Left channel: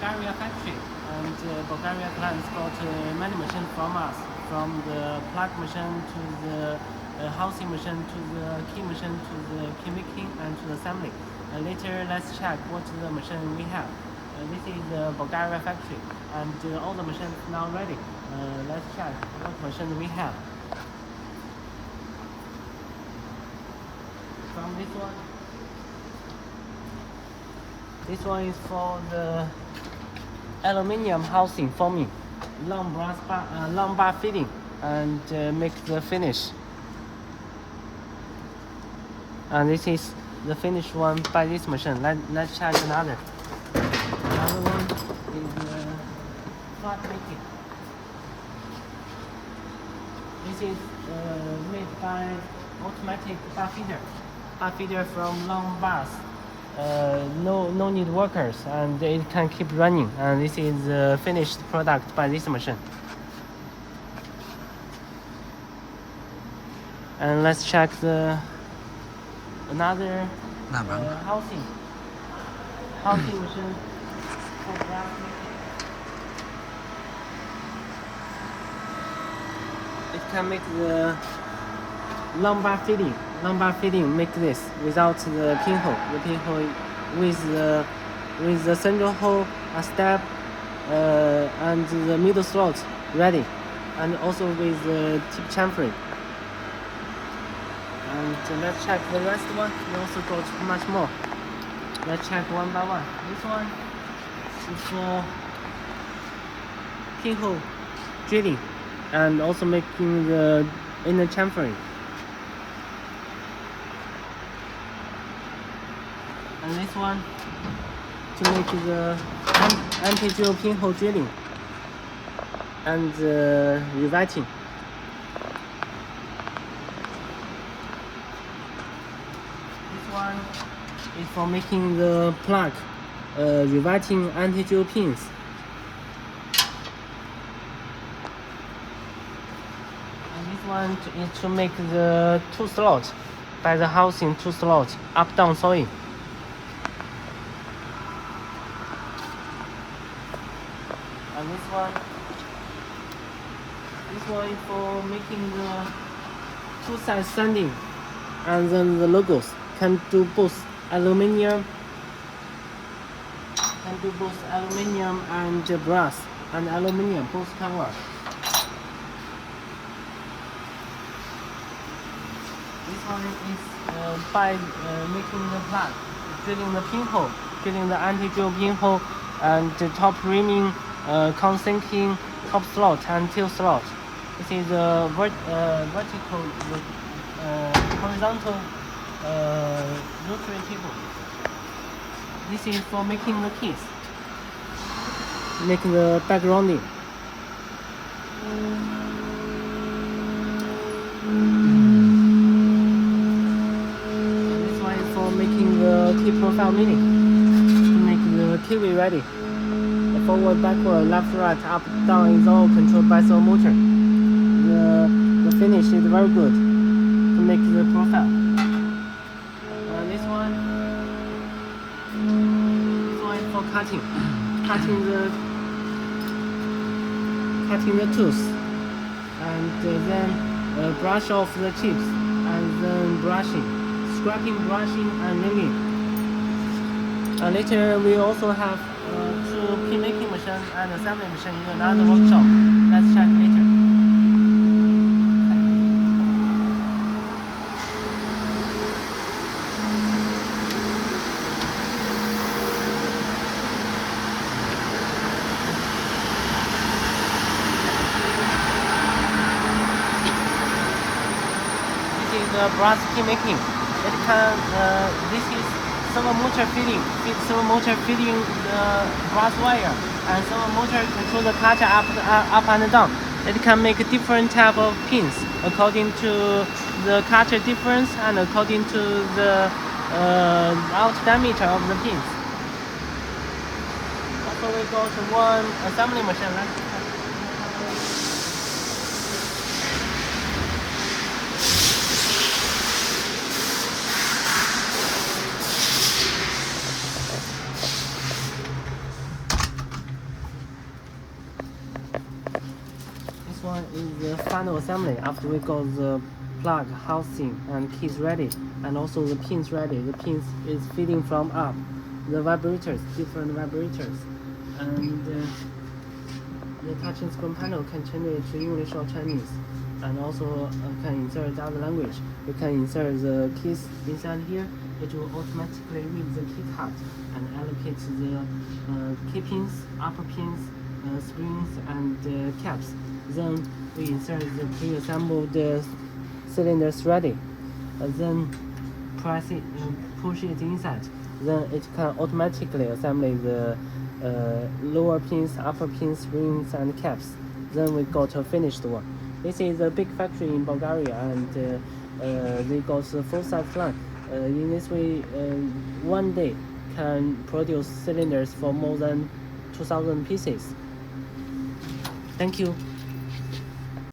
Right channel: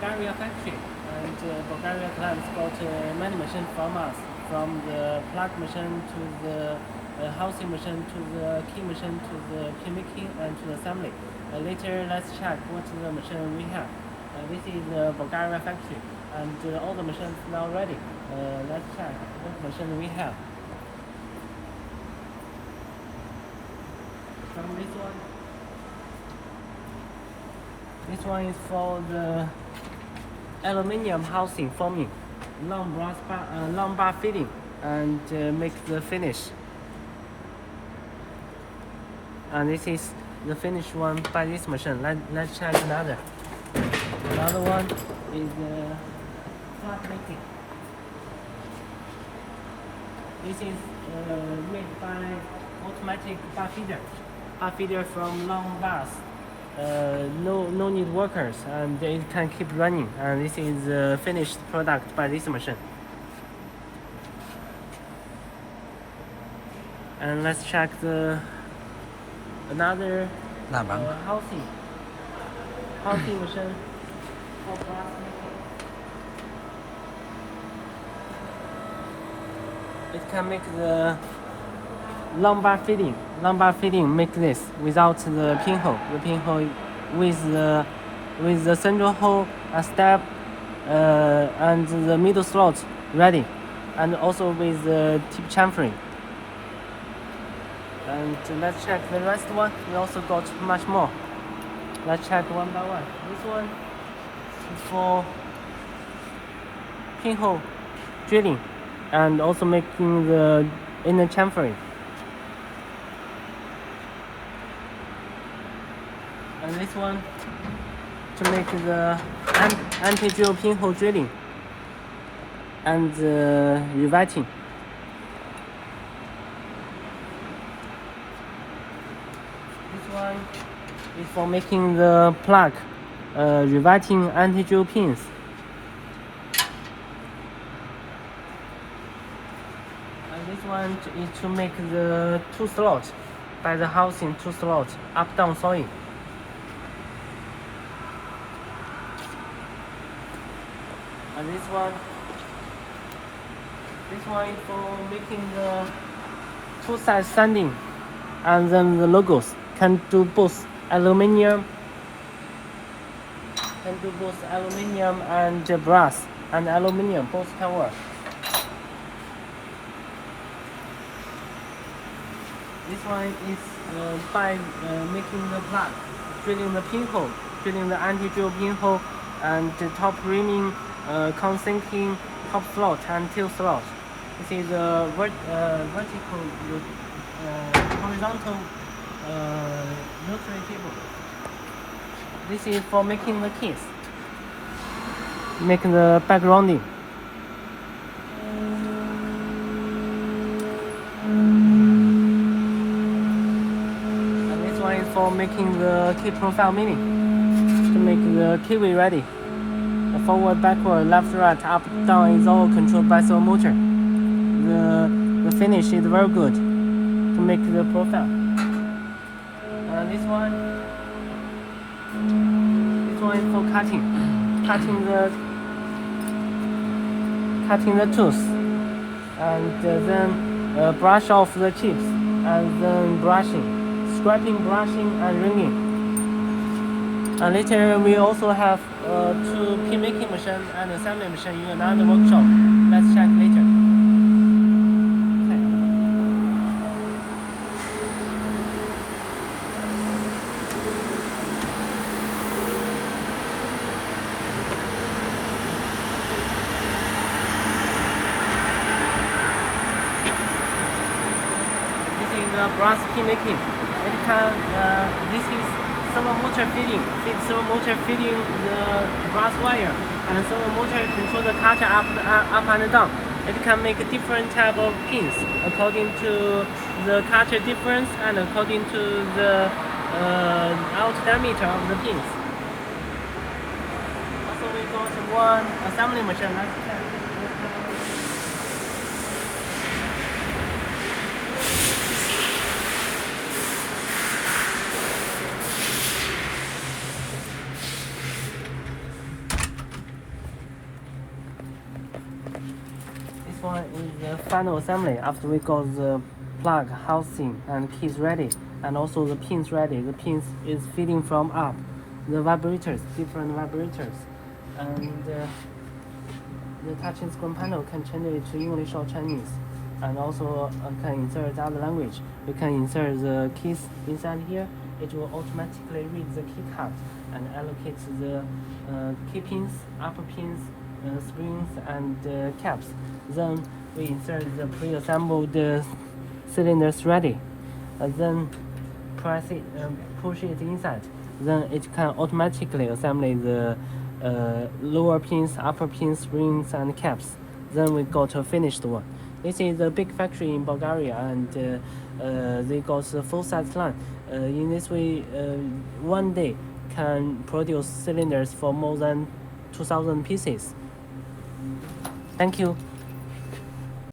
Bulgaria factory, and Bulgaria clients got many machines from us, from the plug machine to the housing machine to the key machine to the key making and to the assembly. Later, let's check what the machine we have. This is the Bulgaria factory, and all the machines now ready. Let's check what machine we have. From this one. This one is for the aluminium housing forming, long bar fitting, and make the finish. And this is the finished one by this machine. Let's check another. Another one is flat making. This is made by automatic bar feeder. Bar feeder from long bars. No need workers, and it can keep running. And this is the finished product by this machine. And let's check another housing machine. It can make the lumbar fitting make this without the pinhole. The pinhole with the central hole, a step, and the middle slot ready, and also with the tip chamfering. And let's check the last one. We also got much more. Let's check one by one. This one is for pinhole drilling and also making the inner chamfering. And this one to make the anti-drill pinhole drilling and riveting. This one is for making the plug riveting anti-drill pins. And this one is to make the two slots by the housing two slots up-down sewing. And this one is for making the two-side sanding, and then the logos can do both aluminium and brass, and aluminium both can work. This one is by making the plug, drilling the pinhole, drilling the anti-drill pinhole, and the top rimming, countersinking, top slot and tail slot. This is a vertical, horizontal rotary cable. This is for making the keys, making the backgrounding. And this one is for making the key profile mini, to make the keyway ready. Forward, backward, left, right, up, down is all controlled by servo motor. The finish is very good to make the profile. This one is for cutting the tools, and then brush off the chips, and then scraping, brushing, and ringing. And later we also have two pin making machine and assembly machine in another workshop. Let's check later. Okay. This is the brass pin making. It can. This is servo motor feeding the brass wire, and servo motor control the cutter up and down. It can make different type of pins according to the cutter difference and according to the out diameter of the pins. So we go to one assembly machine. Let's check. final assembly. After we got the plug, housing, and keys ready, and also the pins ready. The pins is feeding from up. The vibrators, different vibrators, and the touching screen panel can change it to English or Chinese, and also can insert the other language. You can insert the keys inside here. It will automatically read the key card and allocate the key pins, upper pins, springs, and caps. Then we insert the pre-assembled cylinders ready, and then press it, push it inside. Then it can automatically assemble the lower pins, upper pins, springs, and caps. Then we got a finished one. This is a big factory in Bulgaria, and they got a full-size line. In this way, one day can produce cylinders for more than 2,000 pieces. Thank you.